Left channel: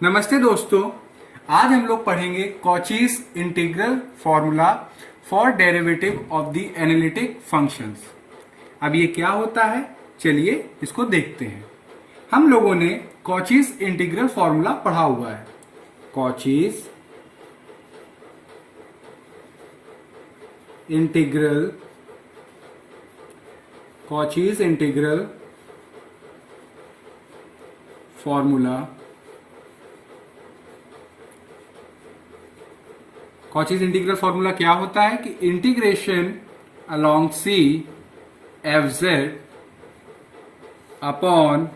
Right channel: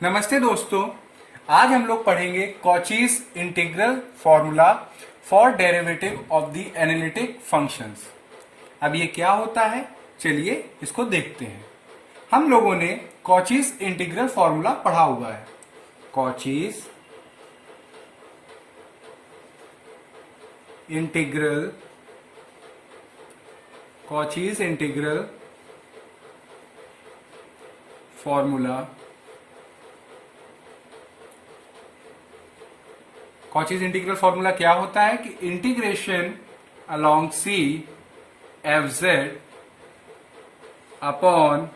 नमस्ते दोस्तों। आज हम लोग पढ़ेंगे Cauchy's integral formula for derivative of the analytic functions. अब ये क्या होता है, चलिए इसको देखते हैं। हम लोगों ने कॉचीज इंटीग्रल फॉर्मूला पढ़ा हुआ है। Cauchy's integral formula Cauchy's integral formula क्या होता है कि integration along C F Z upon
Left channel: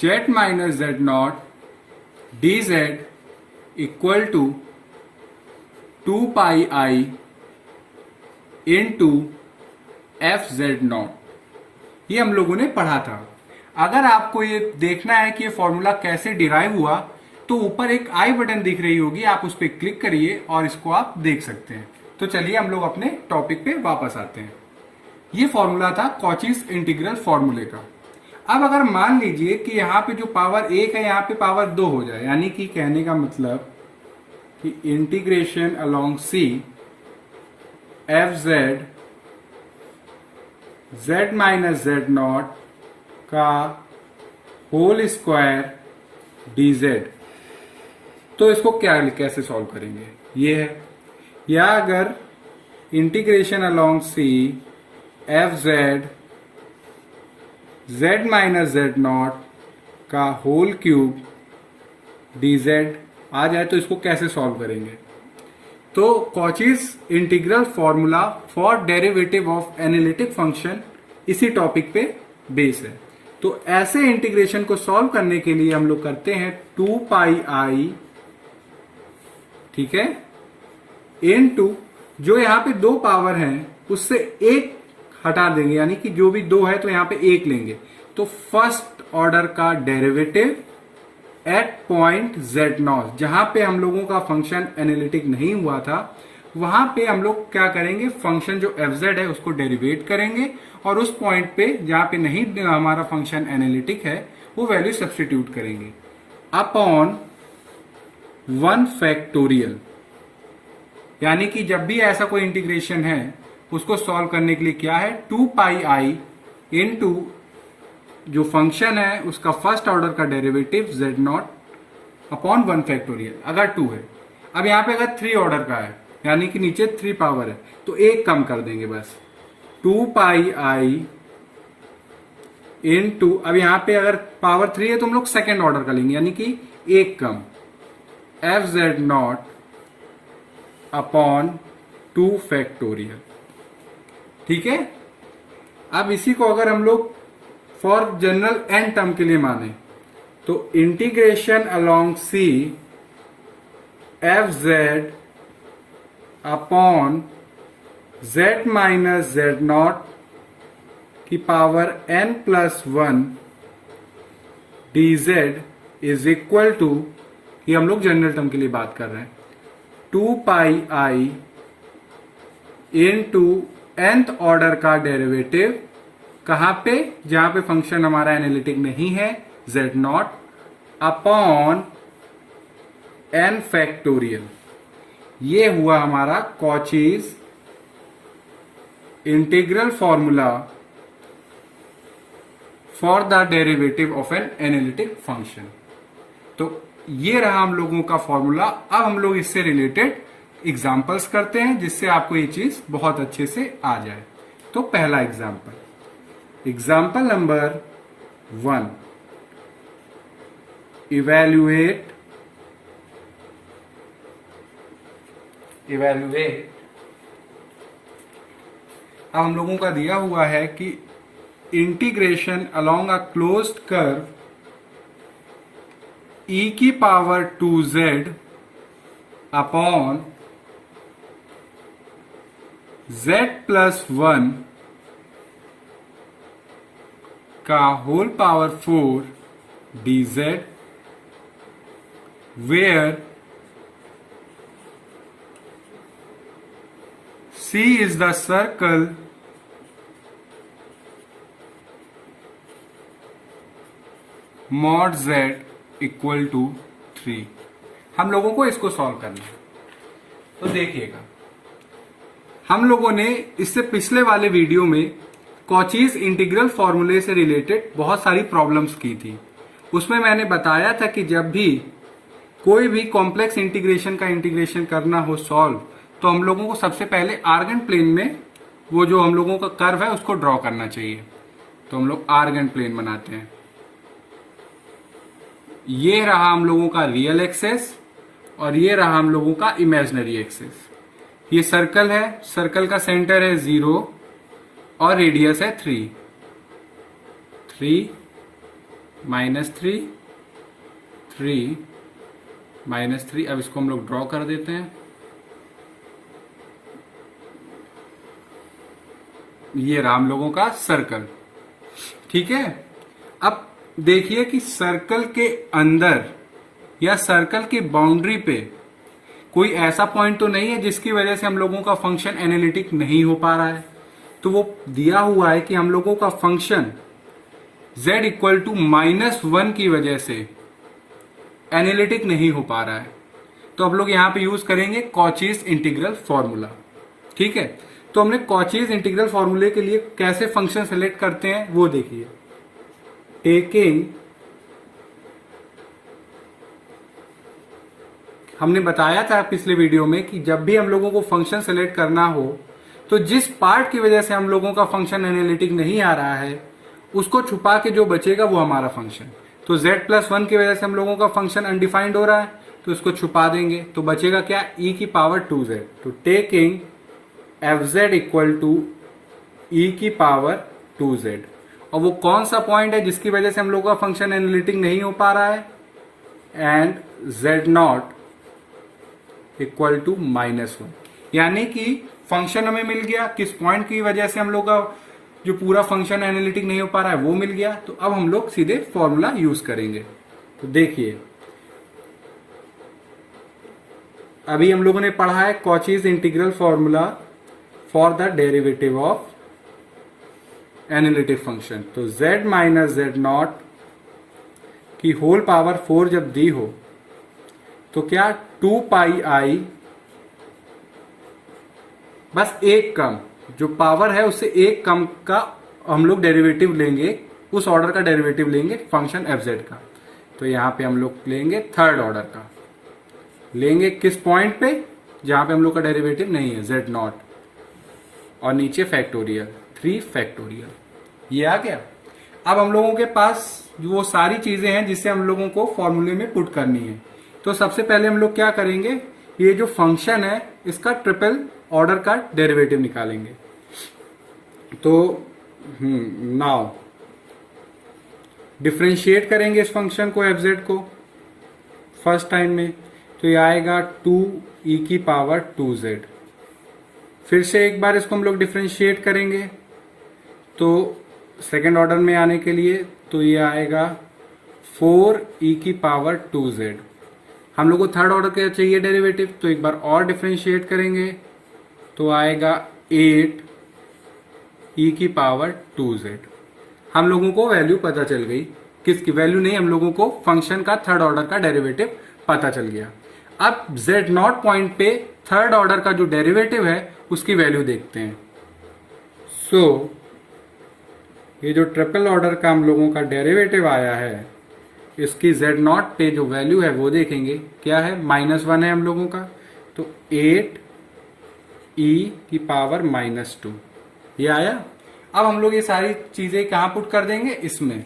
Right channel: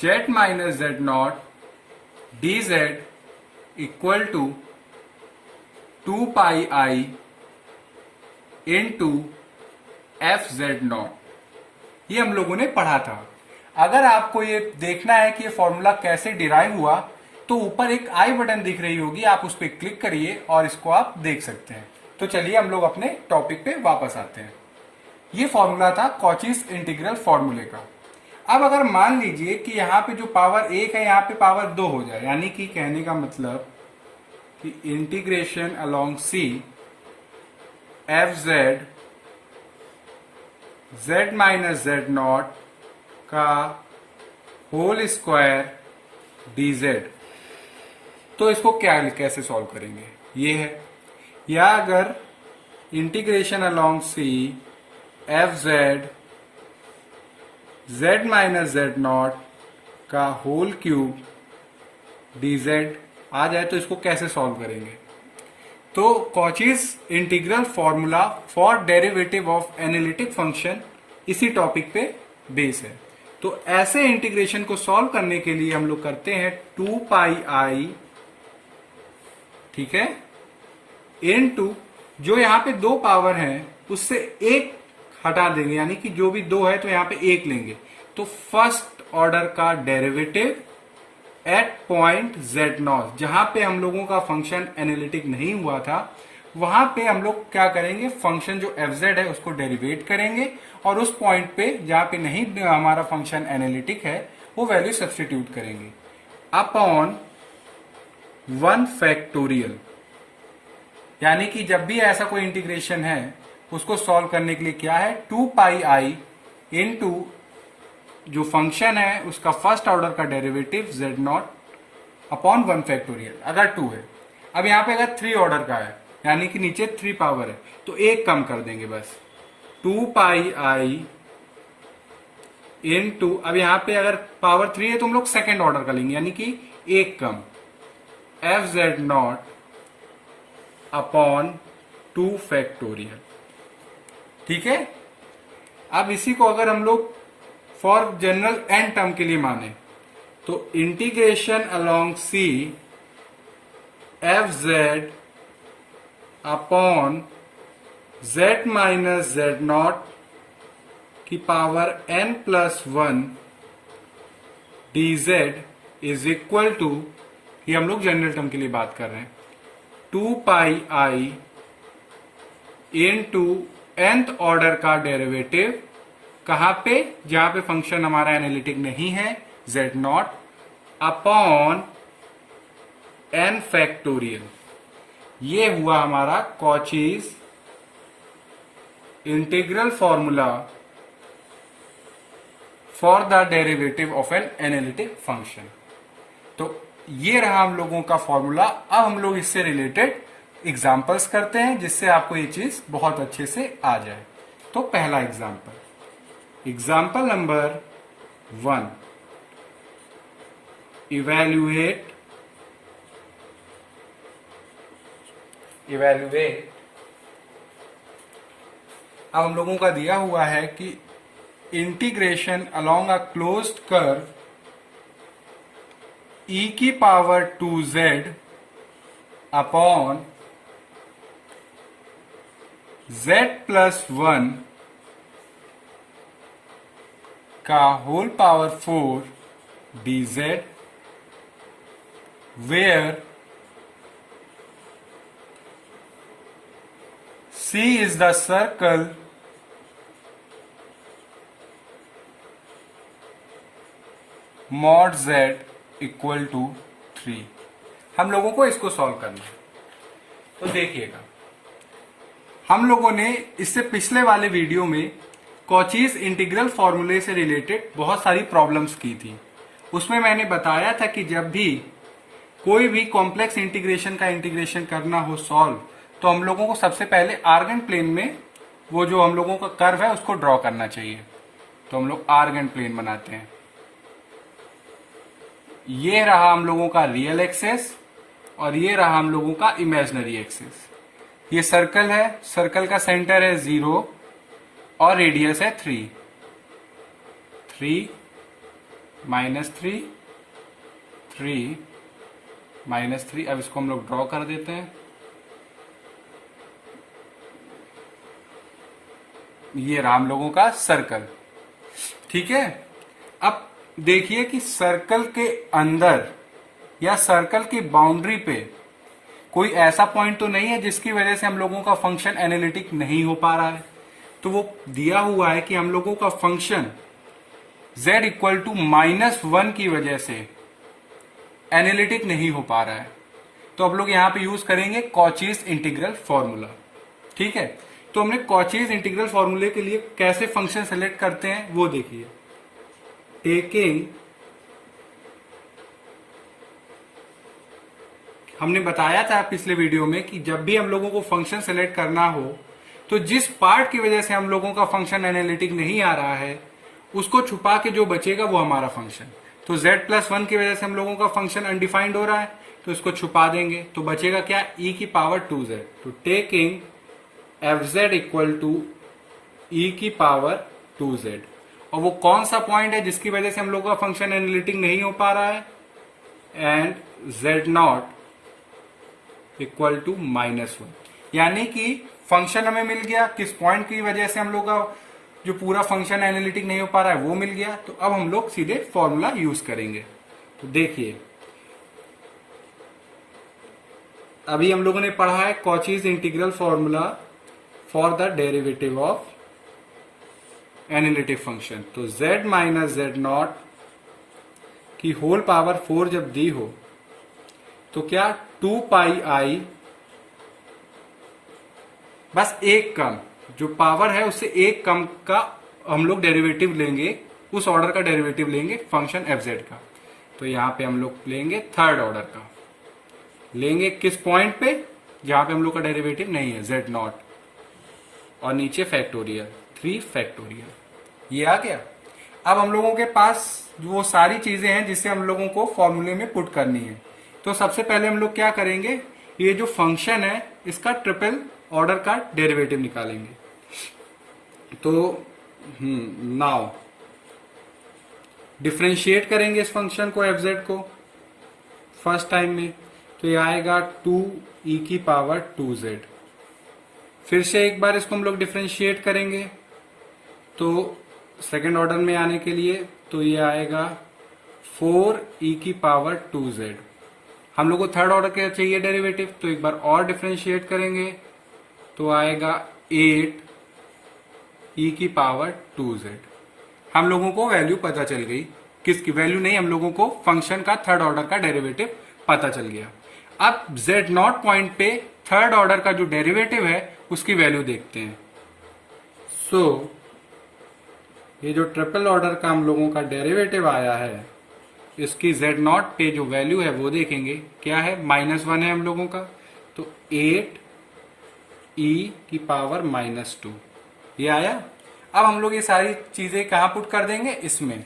Z minus Z naught d z equal to 2πi into f Z naught. ये हम लोगों ने पढ़ा था। अगर आपको ये देखना है कि ये फॉर्मूला कैसे डिराइव हुआ तो ऊपर एक आई बटन दिख रही होगी, आप उस पर क्लिक करिए और इसको आप देख सकते हैं। तो चलिए हम लोग अपने टॉपिक पे वापस आते हैं। ये फॉर्मूला था कॉचीज इंटीग्रल फॉर्मूले का। अब अगर मान लीजिए कि यहाँ पे जो पावर 1 है यहाँ पे पावर 2 हो जाए, यानी कि कहने का मतलब कि integration along C F z z minus Z naught का होल स्क्वायर डी जेड। तो इसको कैसे सॉल्व करेंगे, ये है। या अगर integration along C F z z minus Z naught का होल क्यूब डी जेड आ जाए तो इसको कैसे सॉल्व करेंगे। तो Cauchy's integral formula for derivative of analytic function इसी टॉपिक पे बेस है। तो ऐसे इंटीग्रेशन को सॉल्व करने के लिए हम लोग करते हैं 2πi, ठीक है, इनटू जो यहां पे दो पावर है उससे एक हटा देंगे, यानी कि जो भी दो है तो यहां पे एक लेंगे। तो फर्स्ट ऑर्डर का derivative eight point Z not, जहां पे हम लोगों का फंक्शन एनालिटिक नहीं हुआ था वहां पे हम लोग क्या करेंगे, फंक्शन जो एफ जेड है उसको डेरिवेट करेंगे और उस पॉइंट पे जहां पे नहीं हमारा फंक्शन एनालिटिक है वो वैल्यू सब्स्टिट्यूट करेंगे अपॉन 1 फैक्टोरियल। यानी कि जब भी ऐसा कोई इंटीग्रेशन है उसको सॉल्व करने के लिए क्या है, 2πi इंटू जो फंक्शन है उसका फर्स्ट ऑर्डर का derivative Z not upon 1 factorial, अगर 2 है। अब यहां पे अगर 3 ऑर्डर का है यानी कि नीचे 3 पावर है तो एक कम कर देंगे बस, 2πi इंटू, अब यहां पे अगर पावर 3 है तो हम लोग सेकेंड ऑर्डर का लेंगे यानी कि एक कम, F Z not upon 2 factorial, ठीक है। अब इसी को अगर हम लोग फॉर जनरल एन टर्म के लिए माने तो integration along C F Z upon Z minus Z not की power n+1 D Z is equal to, ये हम लोग जनरल टर्म के लिए बात कर रहे हैं, 2πi इंटू nth ऑर्डर का डेरिवेटिव कहां पे, जहां पे फंक्शन हमारा एनालिटिक नहीं है, z not upon n factorial. ये हुआ हमारा Cauchy's integral formula for the derivative of an analytic function. तो ये रहा हम लोगों का फॉर्मूला। अब हम लोग इससे रिलेटेड एग्जांपल्स करते हैं जिससे आपको ये चीज बहुत अच्छे से आ जाए। तो पहला एग्जांपल नंबर 1, इवैल्यूएट अब हम लोगों का दिया हुआ है कि integration along a closed curve e की पावर 2z अपॉन z+1 का whole power 4 dz, where C is the circle mod z equal to 3। हम लोगों को इसको सॉल्व करना है। तो देखिएगा, हम लोगों ने इससे पिछले वाले वीडियो में कॉचीज इंटीग्रल फॉर्मूले से रिलेटेड बहुत सारी प्रॉब्लम्स की थी। उसमें मैंने बताया था कि जब भी कोई भी कॉम्प्लेक्स इंटीग्रेशन का इंटीग्रेशन करना हो सॉल्व, तो हम लोगों को सबसे पहले आर्गन प्लेन में वो जो हम लोगों का कर्व है उसको ड्रॉ करना चाहिए। तो हम लोग आर्गन प्लेन बनाते हैं। ये रहा हम लोगों का रियल एक्सेस और ये रहा हम लोगों का इमेजिनरी एक्सेस। ये सर्कल है, सर्कल का सेंटर है 0 और रेडियस है 3 -3 3 -3। अब इसको हम लोग ड्रॉ कर देते हैं। ये रहा हम लोगों का सर्कल, ठीक है। अब देखिए कि सर्कल के अंदर या सर्कल की बाउंड्री पे कोई ऐसा पॉइंट तो नहीं है जिसकी वजह से हम लोगों का फंक्शन एनालिटिक नहीं हो पा रहा है। तो वो दिया हुआ है कि हम लोगों का फंक्शन z इक्वल टू -1 की वजह से एनालिटिक नहीं हो पा रहा है। तो अब लोग यहां पे यूज करेंगे कॉचीज इंटीग्रल फॉर्मूला, ठीक है। तो हमने कॉचीज इंटीग्रल फॉर्मूले के लिए कैसे फंक्शन सेलेक्ट करते हैं वो देखिए। टेकिंग, हमने बताया था पिछले वीडियो में कि जब भी हम लोगों को फंक्शन सेलेक्ट करना हो तो जिस पार्ट की वजह से हम लोगों का फंक्शन एनालिटिक नहीं आ रहा है उसको छुपा के जो बचेगा वो हमारा फंक्शन। तो z+1 की वजह से हम लोगों का फंक्शन अनडिफाइंड हो रहा है, तो इसको छुपा देंगे। तो बचेगा क्या, e⁻²z। तो taking fz equal to e⁻²z। और वो कौन सा पॉइंट है जिसकी वजह से हम लोगों का फंक्शन एनालिटिक नहीं हो पा रहा है, एंड z0 इक्वल टू -1। यानी कि फंक्शन हमें मिल गया, किस पॉइंट की वजह से हम लोग का जो पूरा फंक्शन एनालिटिक नहीं हो पा रहा है वो मिल गया। तो अब हम लोग सीधे फॉर्मूला यूज करेंगे। तो देखिए, अभी हम लोगों ने पढ़ा है Cauchy's integral formula for the derivative of analytic function. तो z - z0 की होल पावर 4 जब दी हो तो क्या 2πi, बस एक कम जो पावर है उससे एक कम का हम लोग डेरिवेटिव लेंगे, उस ऑर्डर का डेरिवेटिव लेंगे फंक्शन fz का। तो यहां पे हम लोग लेंगे थर्ड ऑर्डर का, लेंगे किस पॉइंट पे, जहां पे हम लोग का डेरिवेटिव नहीं है, z0, और नीचे फैक्टोरियल 3 फैक्टोरियल। ये आ गया। अब हम लोगों के पास वो सारी चीजें हैं जिससे हम लोगों को फॉर्मूले में पुट करनी है। तो सबसे पहले हम लोग क्या करेंगे, ये जो फंक्शन है इसका ट्रिपल ऑर्डर का डेरिवेटिव निकालेंगे। तो नाउ डिफरेंशिएट करेंगे इस फंक्शन को fz को फर्स्ट टाइम में। तो ये आएगा 2e⁻²z। फिर से एक बार इसको हम लोग डिफरेंशिएट करेंगे तो सेकेंड ऑर्डर में आने के लिए, तो ये आएगा 4e⁻²z। हम लोग को थर्ड ऑर्डर का चाहिए डेरिवेटिव, तो एक बार और डिफरेंशिएट करेंगे तो आएगा 8e⁻²z। हम लोगों को वैल्यू पता चल गई, किसकी वैल्यू नहीं, हम लोगों को फंक्शन का थर्ड ऑर्डर का डेरिवेटिव पता चल गया। अब z0 पॉइंट पे थर्ड ऑर्डर का जो डेरिवेटिव है उसकी वैल्यू देखते हैं। सो ये जो ट्रिपल ऑर्डर का हम लोगों का डेरिवेटिव आया है, इसकी z0 पे जो वैल्यू है वो देखेंगे, क्या है, -1 है हम लोगों का। तो 8e⁻², ये आया। अब हम लोग ये सारी चीजें कहां पुट कर देंगे, इसमें।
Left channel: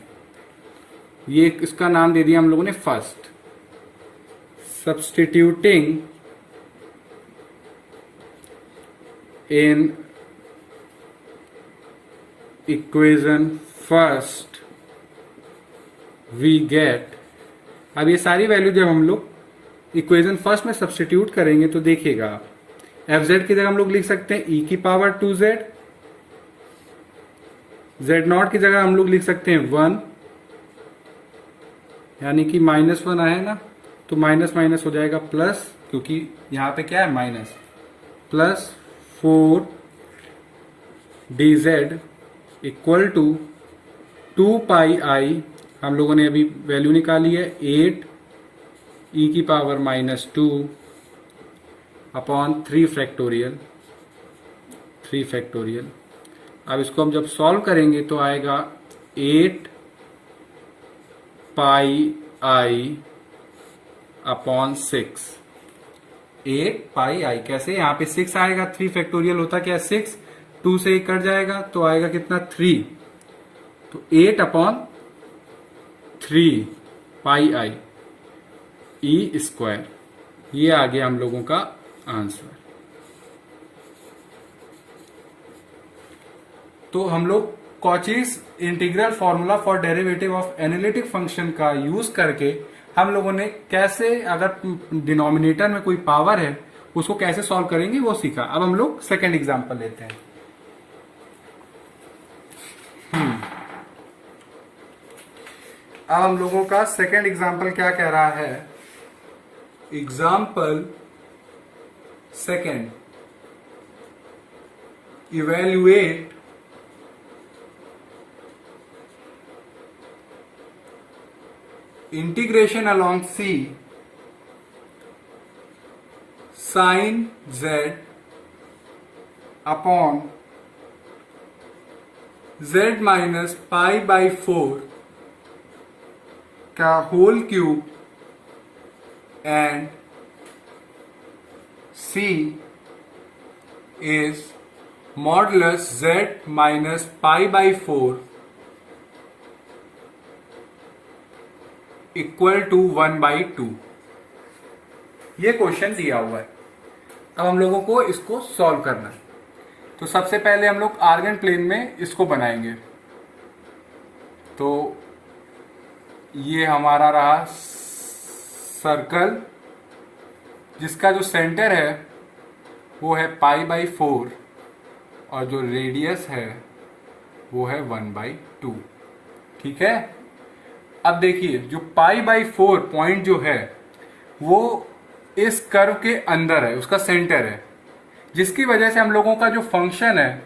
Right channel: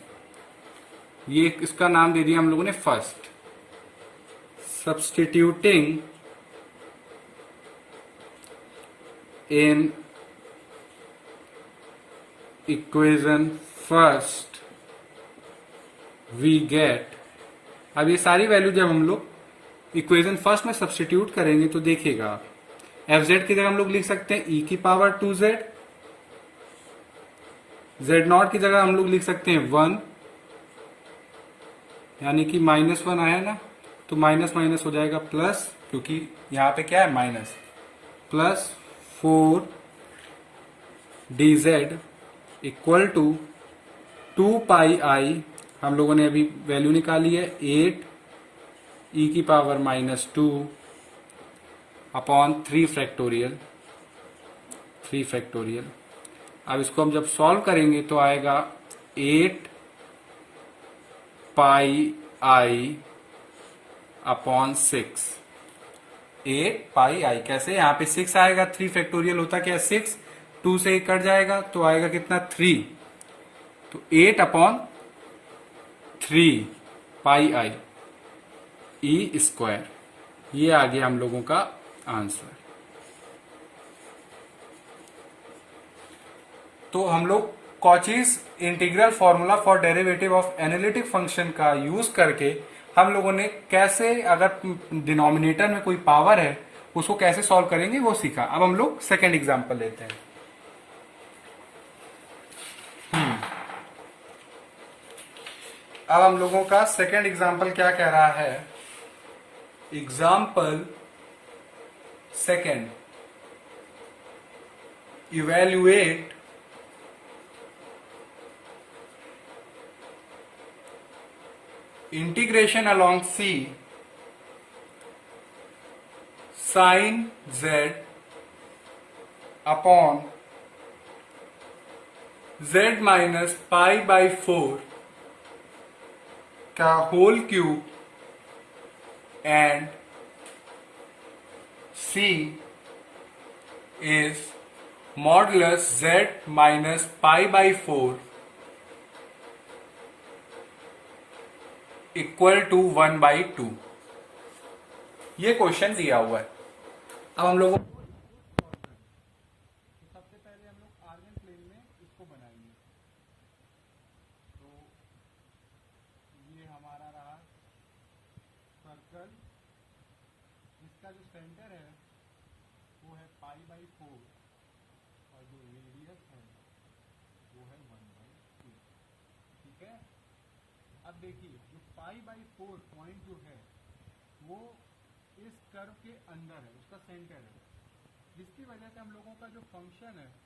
ये इसका नाम दे दिया हम लोगों ने first. Substituting in equation first we get. अब ये सारी वैल्यू जब हम लोग इक्वेशन फर्स्ट में सब्स्टिट्यूट करेंगे तो देखिएगा आप, fz की जगह हम लोग लिख सकते हैं e⁻²z, z0 की जगह हम लोग लिख सकते हैं 1, यानी कि -1 आया ना, तो माइनस माइनस हो जाएगा प्लस, क्योंकि यहां पे क्या है minus, plus 4dz equal to 2πi, हम लोगों ने अभी वैल्यू निकाली है ई की पावर -2 अपॉन 3 फैक्टोरियल। अब इसको हम जब सॉल्व करेंगे तो आएगा 8 पाई आई अपॉन 6। 8 पाई आई कैसे, यहाँ पे 6 आएगा, 3 फैक्टोरियल होता क्या, 6, 2 से 1 कट जाएगा तो आएगा कितना, 3। तो 8 अपॉन 3 पाई आई ई स्क्वायर, ये आ गया हम लोगों का आंसर। तो हम लोग Cauchy's integral formula for derivative of analytic function का यूज करके हम लोगों ने कैसे, अगर डिनोमिनेटर में कोई पावर है उसको कैसे सॉल्व करेंगे वो सीखा। अब हम लोग सेकेंड एग्जांपल लेते हैं। अब हम लोगों का सेकेंड एग्जांपल क्या कह रहा है, example second, evaluate integration along C sin Z upon Z minus pi by 4 का होल क्यूब and C is modulus Z minus pi by 4 equal to 1/2। ये क्वेश्चन दिया हुआ है। अब हम लोगों को इसको सॉल्व करना है। तो सबसे पहले हम लोग आर्गन प्लेन में इसको बनाएंगे। तो ये हमारा रहा सर्कल जिसका जो सेंटर है वो है π/4 और जो रेडियस है वो है 1/2। ठीक है। अब देखिए जो π/4 पॉइंट जो है वो इस कर्व के अंदर है, उसका सेंटर है, जिसकी वजह से हम लोगों का जो फंक्शन है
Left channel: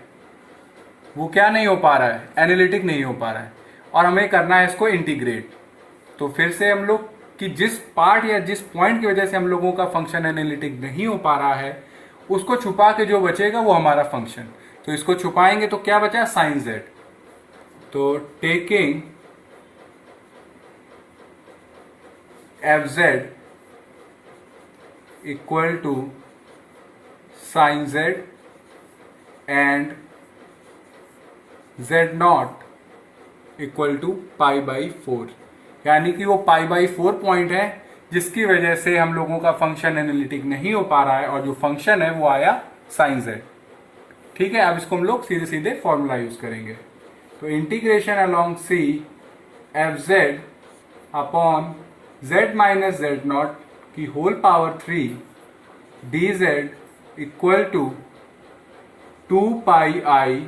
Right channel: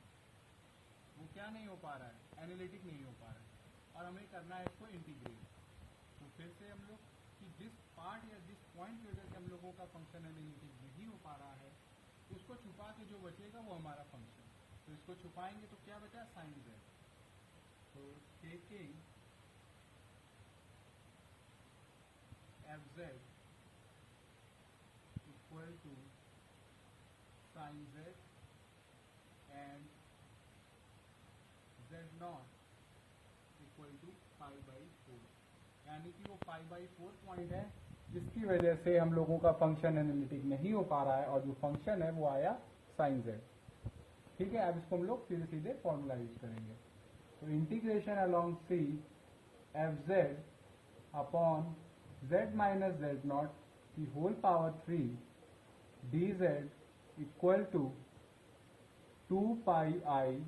वो क्या नहीं हो पा रहा है, एनालिटिक नहीं हो पा रहा है, और हमें करना है इसको इंटीग्रेट। तो फिर से हम लोग कि जिस पार्ट या जिस पॉइंट की वजह से हम लोगों का फंक्शन एनालिटिक नहीं हो पा रहा है उसको छुपा के जो बचेगा वो हमारा फंक्शन। तो इसको छुपाएंगे तो क्या बचा, साइन जेड। तो taking fz equal to sine z and z not equal to π/4, यानी कि वो π/4 पॉइंट है जिसकी वजह से हम लोगों का फंक्शन एनालिटिक नहीं हो पा रहा है और जो फंक्शन है वो आया साइन z। ठीक है। अब इसको हम लोग सीधे सीधे फॉर्मूला यूज करेंगे। तो इंटीग्रेशन अलोंग c fz अपॉन z माइनस जेड नॉट की whole power 3 dz equal to 2 pi I,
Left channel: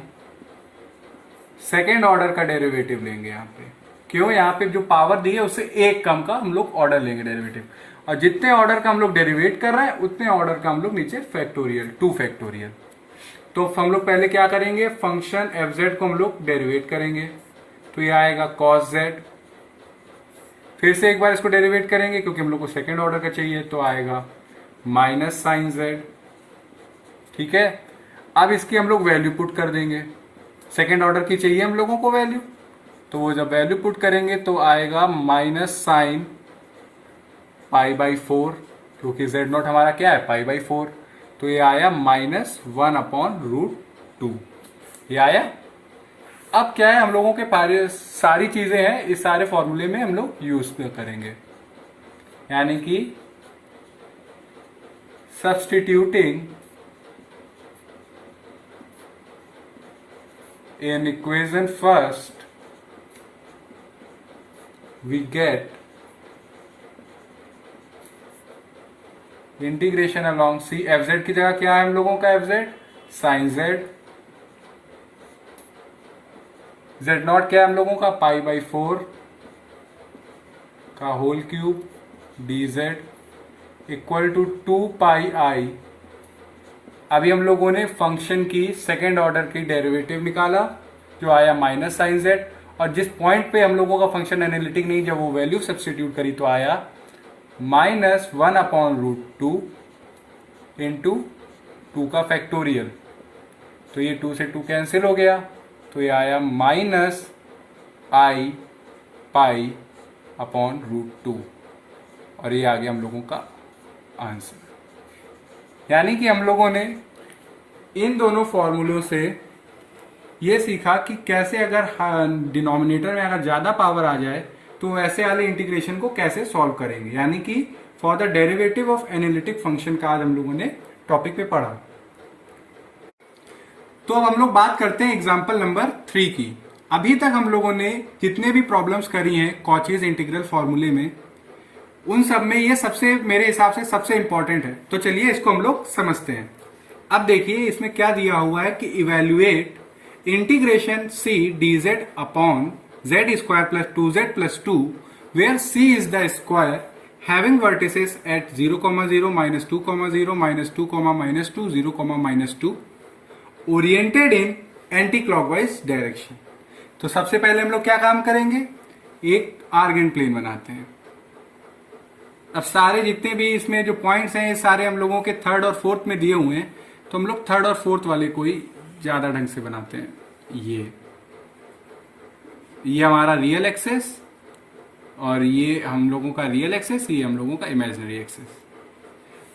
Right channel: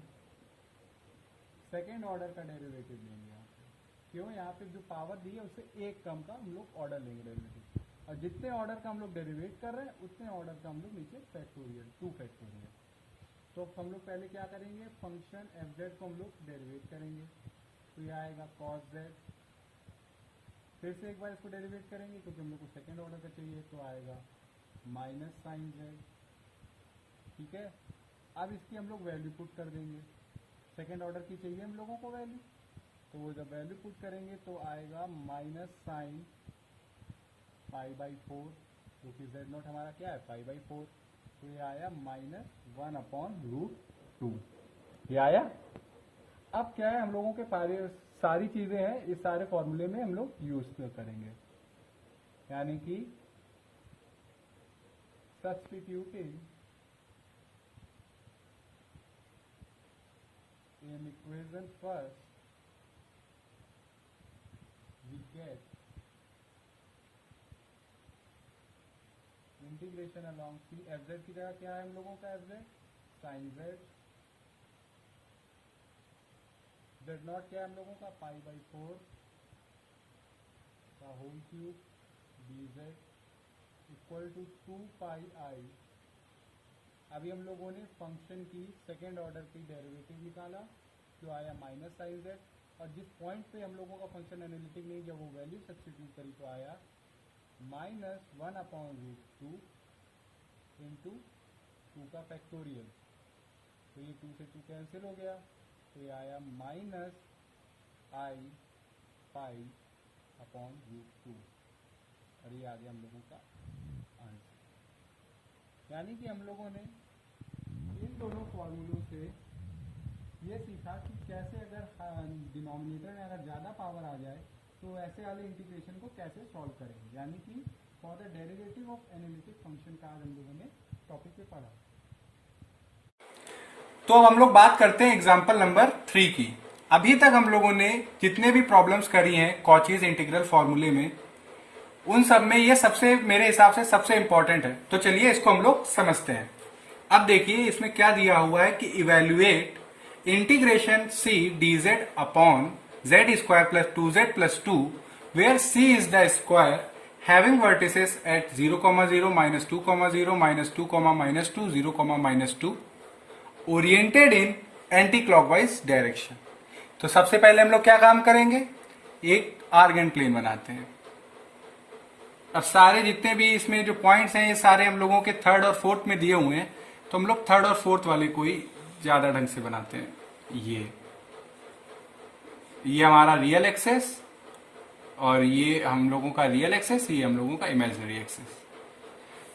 second order का डेरिवेटिव लेंगे यहाँ पे। क्यों, यहाँ पे जो पावर दी है उससे एक कम का हम लोग ऑर्डर लेंगे डेरिवेटिव, और जितने ऑर्डर का हम लोग डेरिवेट कर रहे हैं उतने ऑर्डर का हम लोग नीचे फैक्टोरियल 2 फैक्टोरियल। तो हम लोग पहले क्या करेंगे, फंक्शन fz को हम लोग डेरिवेट करेंगे। तो ये आएगा cos z, फिर से एक बार इसको डेरिवेट करेंगे क्योंकि हम लोग को सेकेंड ऑर्डर का चाहिए, तो आएगा माइनस साइन जेड। ठीक है। अब इसकी हम लोग वैल्यू पुट कर देंगे, सेकेंड ऑर्डर की चाहिए हम लोगों को वैल्यू, तो वो जब वैल्यू पुट करेंगे तो आएगा माइनस साइन π/4, क्योंकि जेड नॉट हमारा क्या है, π/4। तो ये आया -1/√2, ये आया। अब क्या है, हम लोगों के सारी चीजें हैं इस सारे फॉर्मूले में हम लोग यूज करेंगे, यानी कि substituting in equation first we get integration along c, f z की जगह क्या है हम लोगों का, f z sine z, z naught क्या है हम लोगों का, π/4 का whole cube dz equal to 2 pi i. अभी हम लोगों ने फंक्शन की सेकेंड ऑर्डर की डेरिवेटिव निकाला जो आया माइनस साइन जेड, और जिस पॉइंट पे हम लोगों का फंक्शन एनालिटिक नहीं, जब वो वैल्यू सब्स्टिट्यूट करी तो आया माइनस 1/√2 इंटू 2 का फैक्टोरियल, तो ये 2 से 2 कैंसिल हो गया, तो ये आया माइनस आई पाई अपॉन √2, और ये आ गया हम लोगों का आंसर। यानी कि हम लोगों ने इन दोनों फॉर्मूलों से ये सीखा कि कैसे अगर डिनोमिनेटर में अगर ज़्यादा पावर आ जाए तो ऐसे वाले इंटीग्रेशन को कैसे सॉल्व करेंगे, यानी कि for the derivative of analytic function का आज हम लोगों ने टॉपिक पे पढ़ा। तो अब हम लोग बात करते हैं एग्जाम्पल नंबर 3 की। अभी तक हम लोगों ने जितने भी प्रॉब्लम्स करी हैं कॉचीज इंटीग्रल फॉर्मूले में, उन सब में ये सबसे मेरे हिसाब से सबसे इंपॉर्टेंट है। तो चलिए इसको हम लोग समझते हैं। अब देखिए इसमें क्या दिया हुआ है कि evaluate integration c d z upon z square plus 2z plus 2 where c is the square having vertices at 0, 0, -2, 0, -2, -2, 0, -2 oriented in anti clockwise direction. तो सबसे पहले हम लोग क्या काम करेंगे, एक आर्गेंट प्लेन बनाते हैं। अब सारे जितने भी इसमें जो पॉइंट्स हैं ये सारे हम लोगों के थर्ड और फोर्थ में दिए हुए हैं, तो हम लोग थर्ड और फोर्थ वाले को ही ज्यादा ढंग से बनाते हैं। ये हमारा रियल एक्सेस, और ये हम लोगों का रियल एक्सेस, ये हम लोगों का इमेजिनरी एक्सेस।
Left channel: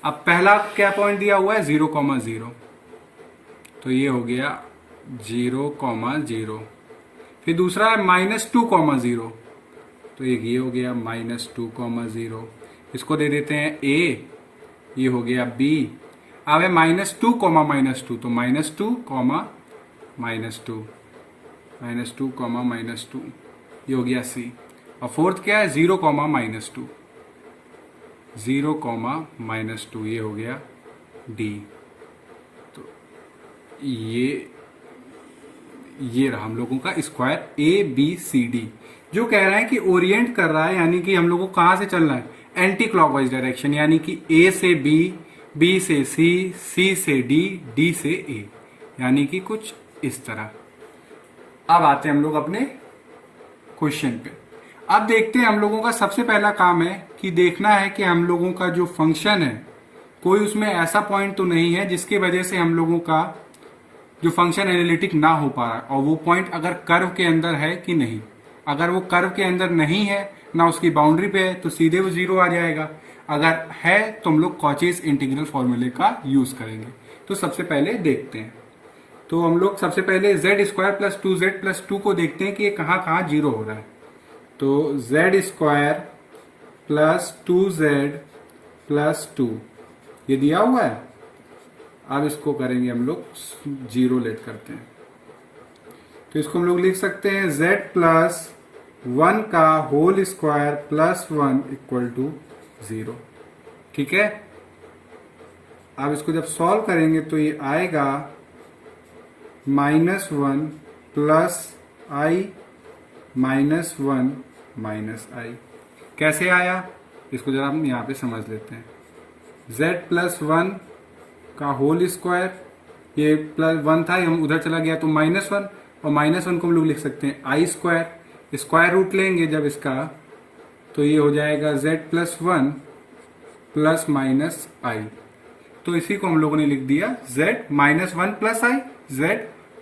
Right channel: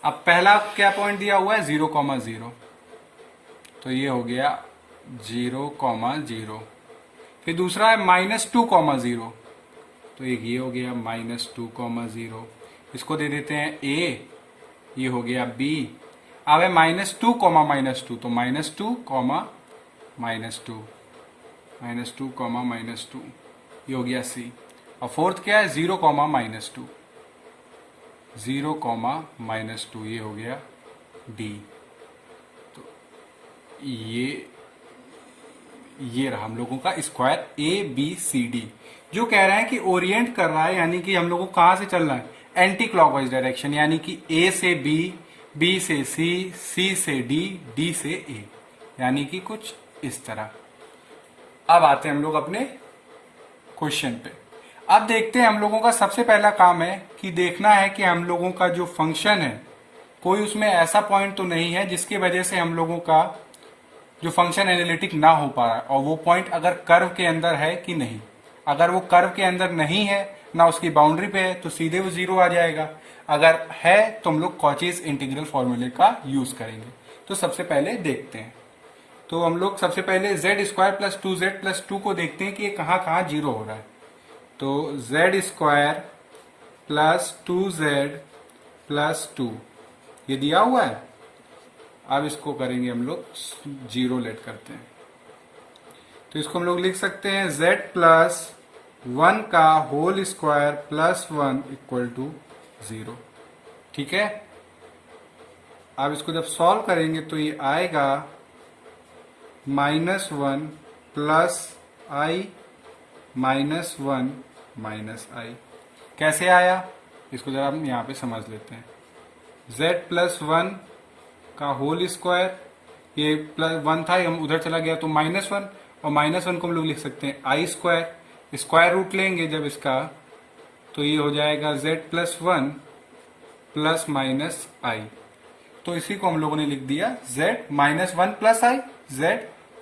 अब पहला क्या पॉइंट दिया हुआ है 0, 0, तो ये हो गया 0, 0। फिर दूसरा है -2, 0, तो एक ये हो गया -2, 0। इसको दे देते हैं a, ये हो गया b। अब है -2, -2, तो -2, -2, ये हो गया c। और फोर्थ क्या है 0, -2, 0, -2, ये हो गया d। तो ये रहा हम लोगों का स्क्वायर ABCD, जो कह रहा है कि ओरिएंट कर रहा है, यानी कि हम लोगों को कहां से चलना है, एंटी क्लॉकवाइज डायरेक्शन, यानी कि A से B, B से C, C से D, D से A, यानी कि कुछ इस तरह। अब आते हैं हम लोग अपने क्वेश्चन पे। अब देखते हैं हम लोगों का सबसे पहला काम है कि देखना है कि हम लोगों का जो फंक्शन है कोई उसमें ऐसा पॉइंट तो नहीं है जिसकी वजह से हम लोगों का जो फंक्शन एनालिटिक ना हो पा रहा है, और वो पॉइंट अगर कर्व के अंदर है कि नहीं। अगर वो कर्व के अंदर नहीं है, ना उसकी बाउंड्री पे है, तो सीधे वो 0 आ जाएगा। अगर है तो हम लोग कॉचीज इंटीग्रल फॉर्मूले का यूज करेंगे। तो सबसे पहले देखते हैं, तो हम लोग सबसे पहले Z square plus 2z plus 2 को देखते हैं कि ये कहाँ कहाँ 0 हो रहा है। तो Z square plus 2z plus 2 ये दिया हुआ है। अब इसको करेंगे हम लोग 0 लेट करते हैं, तो इसको हम लोग लिख सकते हैं z प्लस 1 का whole square plus 1 equal to 0। ठीक है। अब इसको जब सॉल्व करेंगे तो ये आएगा -1 प्लस i -1 माइनस i। कैसे आया इसको जरा हम यहाँ पे समझ लेते हैं। z प्लस 1 का होल स्क्वायर, ये प्लस 1 था, हम उधर चला गया तो -1, और -1 को हम लोग लिख सकते हैं i स्क्वायर। स्क्वायर रूट लेंगे जब इसका, तो ये हो जाएगा z plus 1 plus minus i। तो इसी को हम लोगों ने लिख दिया z -1 प्लस i, z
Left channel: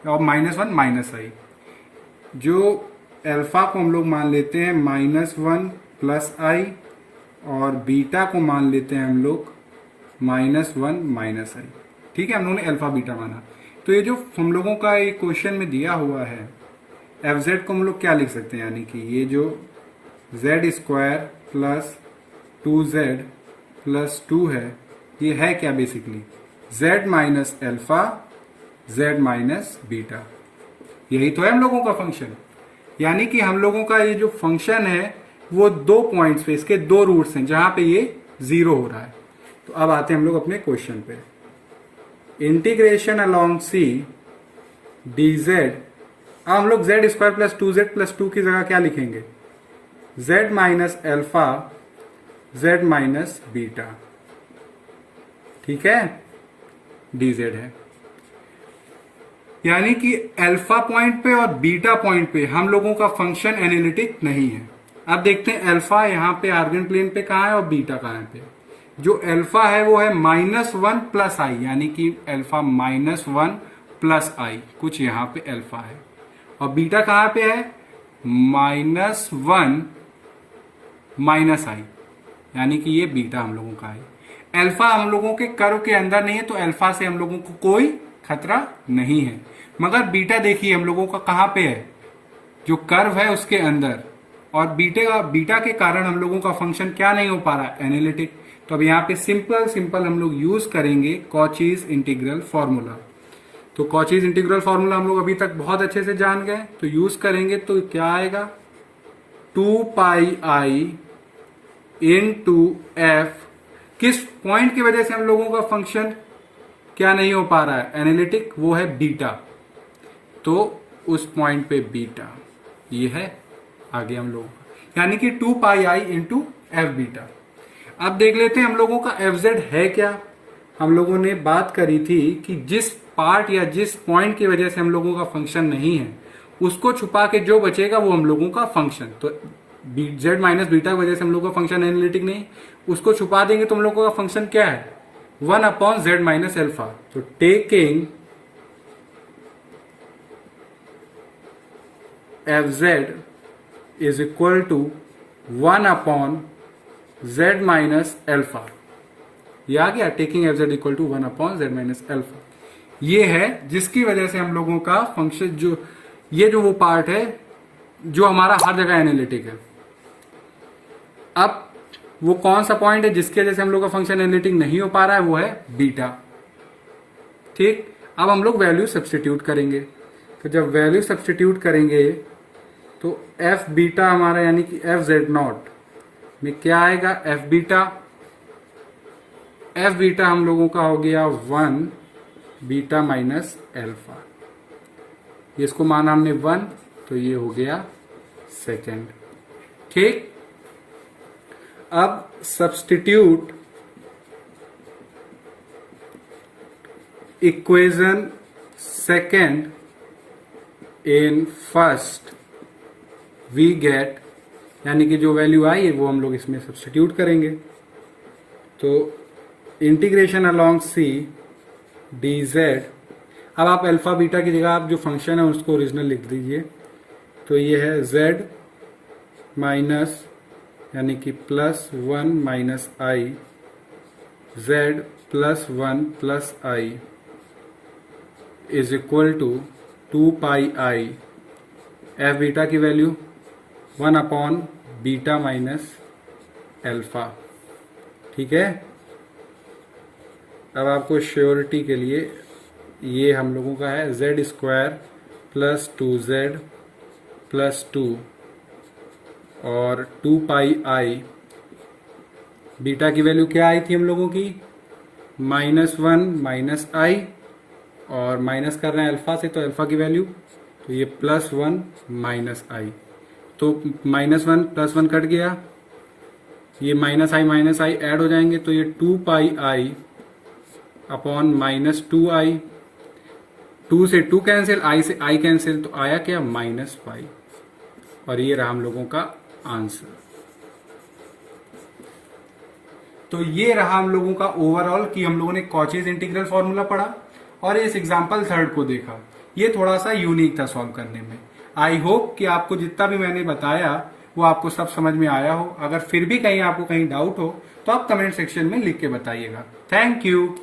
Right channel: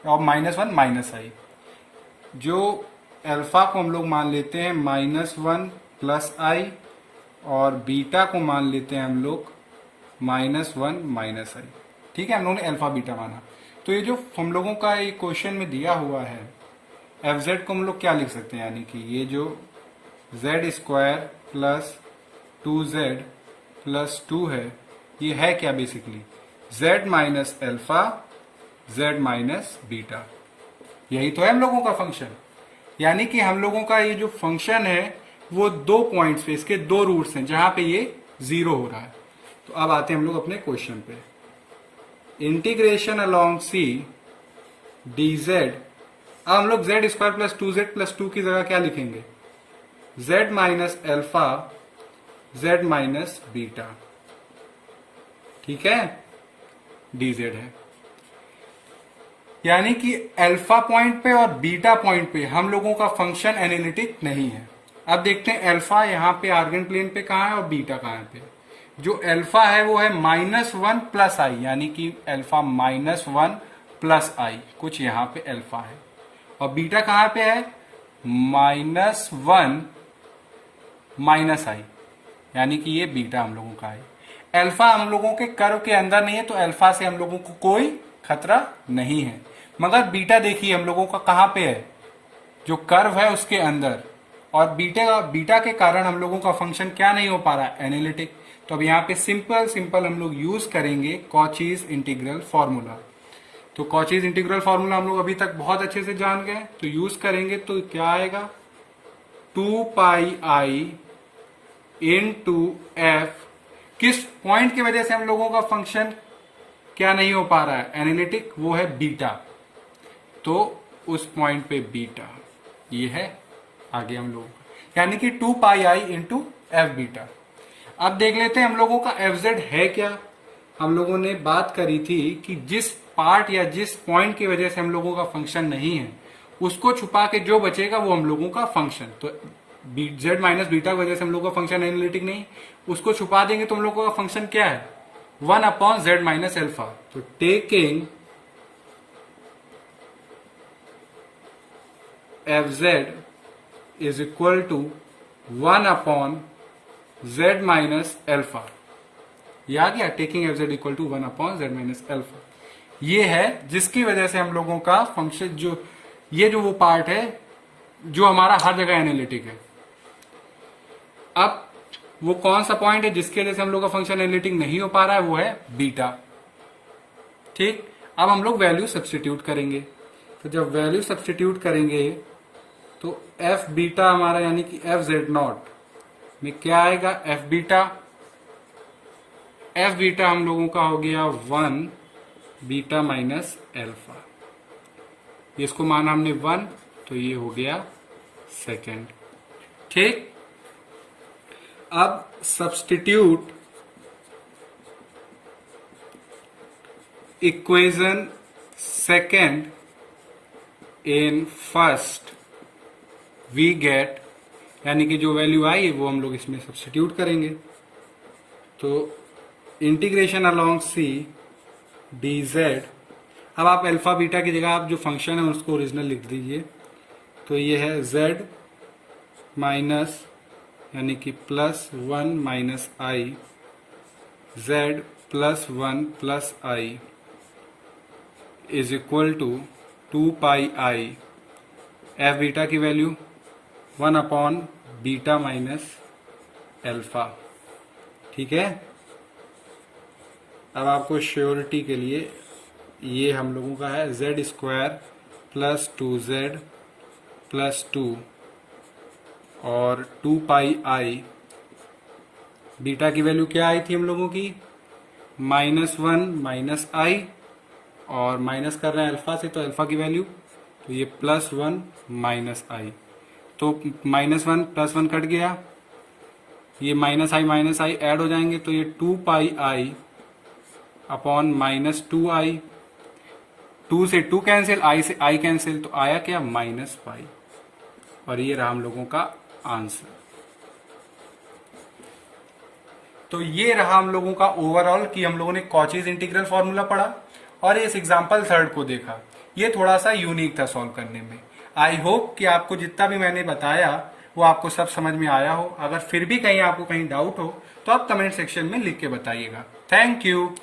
और -1 माइनस i। जो अल्फा को हम लोग मान लेते हैं -1 प्लस i, और बीटा को मान लेते हैं हम लोग -1 माइनस i। ठीक है, हम लोगों ने अल्फा बीटा माना। तो ये जो हम लोगों का ये क्वेश्चन में दिया हुआ है fz को हम लोग क्या लिख सकते हैं, यानी कि ये जो z square plus 2z plus 2 है, ये है क्या basically z minus alpha z minus beta. यही तो है हम लोगों का फंक्शन। यानी कि हम लोगों का ये जो फंक्शन है वो दो पॉइंट्स पे, इसके दो रूट्स हैं जहां पे ये 0 हो रहा है। तो अब आते हैं हम लोग अपने क्वेश्चन पे। Integration along c d z. अब हम लोग Z square plus 2z plus 2 की जगह क्या लिखेंगे, z minus alpha z minus beta. ठीक है, डी जेड है। यानी कि अल्फा पॉइंट पे और बीटा पॉइंट पे हम लोगों का फंक्शन एनालिटिक नहीं है। अब देखते हैं अल्फा यहाँ पे आर्गन प्लेन पे कहाँ है और बीटा कहाँ पे। जो अल्फा है वो है -1 प्लस आई, यानी कि अल्फा -1 प्लस आई, कुछ यहाँ पे अल्फा है। और बीटा कहाँ पे है -1 माइनस आई, यानी कि ये बीटा हम लोगों का है। अल्फा हम लोगों के कर्व के अंदर नहीं है तो अल्फा से हम लोगों को कोई खतरा नहीं है, मगर बीटा देखिए हम लोगों का कहाँ पे है, जो कर्व है उसके अंदर। और बीटा के कारण हम लोगों का फंक्शन क्या नहीं हो पा रहा है, एनालिटिक। तो अब यहाँ पे सिंपल हम लोग यूज करेंगे कॉचीज इंटीग्रल फॉर्मूला। तो कॉचीज इंटीग्रल फॉर्मूला हम लोग अभी तक बहुत अच्छे से जान गए, तो यूज करेंगे तो क्या आएगा 2πi into f। किस पॉइंट की वजह से हम लोगों का फंक्शन क्या नहीं हो पा रहा है, एनालिटिक, वो है बीटा। तो उस पॉइंट पे बीटा ये है आगे हम लोग, यानी कि 2πi into f बीटा। अब देख लेते हैं हम लोगों का fz है क्या। हम लोगों ने बात करी थी कि जिस पार्ट या जिस पॉइंट की वजह से हम लोगों का फंक्शन नहीं है उसको छुपा के जो बचेगा वो हम लोगों का फंक्शन। तो z माइनस बीटा की वजह से हम लोगों का फंक्शन एनालिटिक नहीं, उसको छुपा देंगे तो हम लोगों का फंक्शन क्या है 1/z माइनस अल्फा। तो taking fz is equal to 1/z minus alpha, ये आ गया। Taking fz equal to 1/z minus alpha, ये है जिसकी वजह से हम लोगों का फंक्शन जो ये जो वो पार्ट है जो हमारा हर जगह एनालिटिक है। अब वो कौन सा पॉइंट है जिसकी वजह से हम लोग का फंक्शन एनालिटिक नहीं हो पा रहा है, वो है बीटा। ठीक, अब हम लोग वैल्यू सब्स्टिट्यूट करेंगे। तो जब वैल्यू सब्स्टिट्यूट करेंगे तो एफ बीटा हमारा यानी कि एफ जेड नॉट में क्या आएगा, एफ बीटा हम लोगों का हो गया 1 बीटा माइनस एल्फा। इसको माना हमने 1, तो ये हो गया सेकेंड। ठीक, अब substitute equation second in first, we get, यानी कि जो वैल्यू आई है वो हम लोग इसमें सब्स्टिट्यूट करेंगे। तो integration along c d z, अब आप अल्फा बीटा की जगह आप जो फंक्शन है उसको ओरिजिनल लिख दीजिए। तो ये है z माइनस यानी कि +1 minus i, z +1 plus i is equal to 2πi, f beta की वैल्यू 1/बीटा माइनस एल्फा। ठीक है, अब आपको श्योरिटी के लिए ये हम लोगों का है z² + 2z + 2 और 2πi, बीटा की वैल्यू क्या आई थी हम लोगों की -1 माइनस आई, और माइनस कर रहे हैं अल्फा से तो अल्फा की वैल्यू, तो ये +1 माइनस आई, तो -1 +1 कट गया, ये माइनस आई ऐड हो जाएंगे, तो ये 2πi अपॉन -2i, 2 से 2 कैंसिल, i से i कैंसिल, तो आया क्या -y, और ये रहा हम लोगों का आंसर। तो ये रहा हम लोगों का ओवरऑल कि हम लोगों ने कॉचीज इंटीग्रल फॉर्मूला पढ़ा और इस एग्जाम्पल थर्ड को देखा। ये थोड़ा सा यूनिक था सॉल्व करने में। आई होप कि आपको जितना भी मैंने बताया वो आपको सब समझ में आया हो। अगर फिर भी कहीं आपको कहीं डाउट हो तो आप कमेंट सेक्शन में लिख के बताइएगा। Thank you.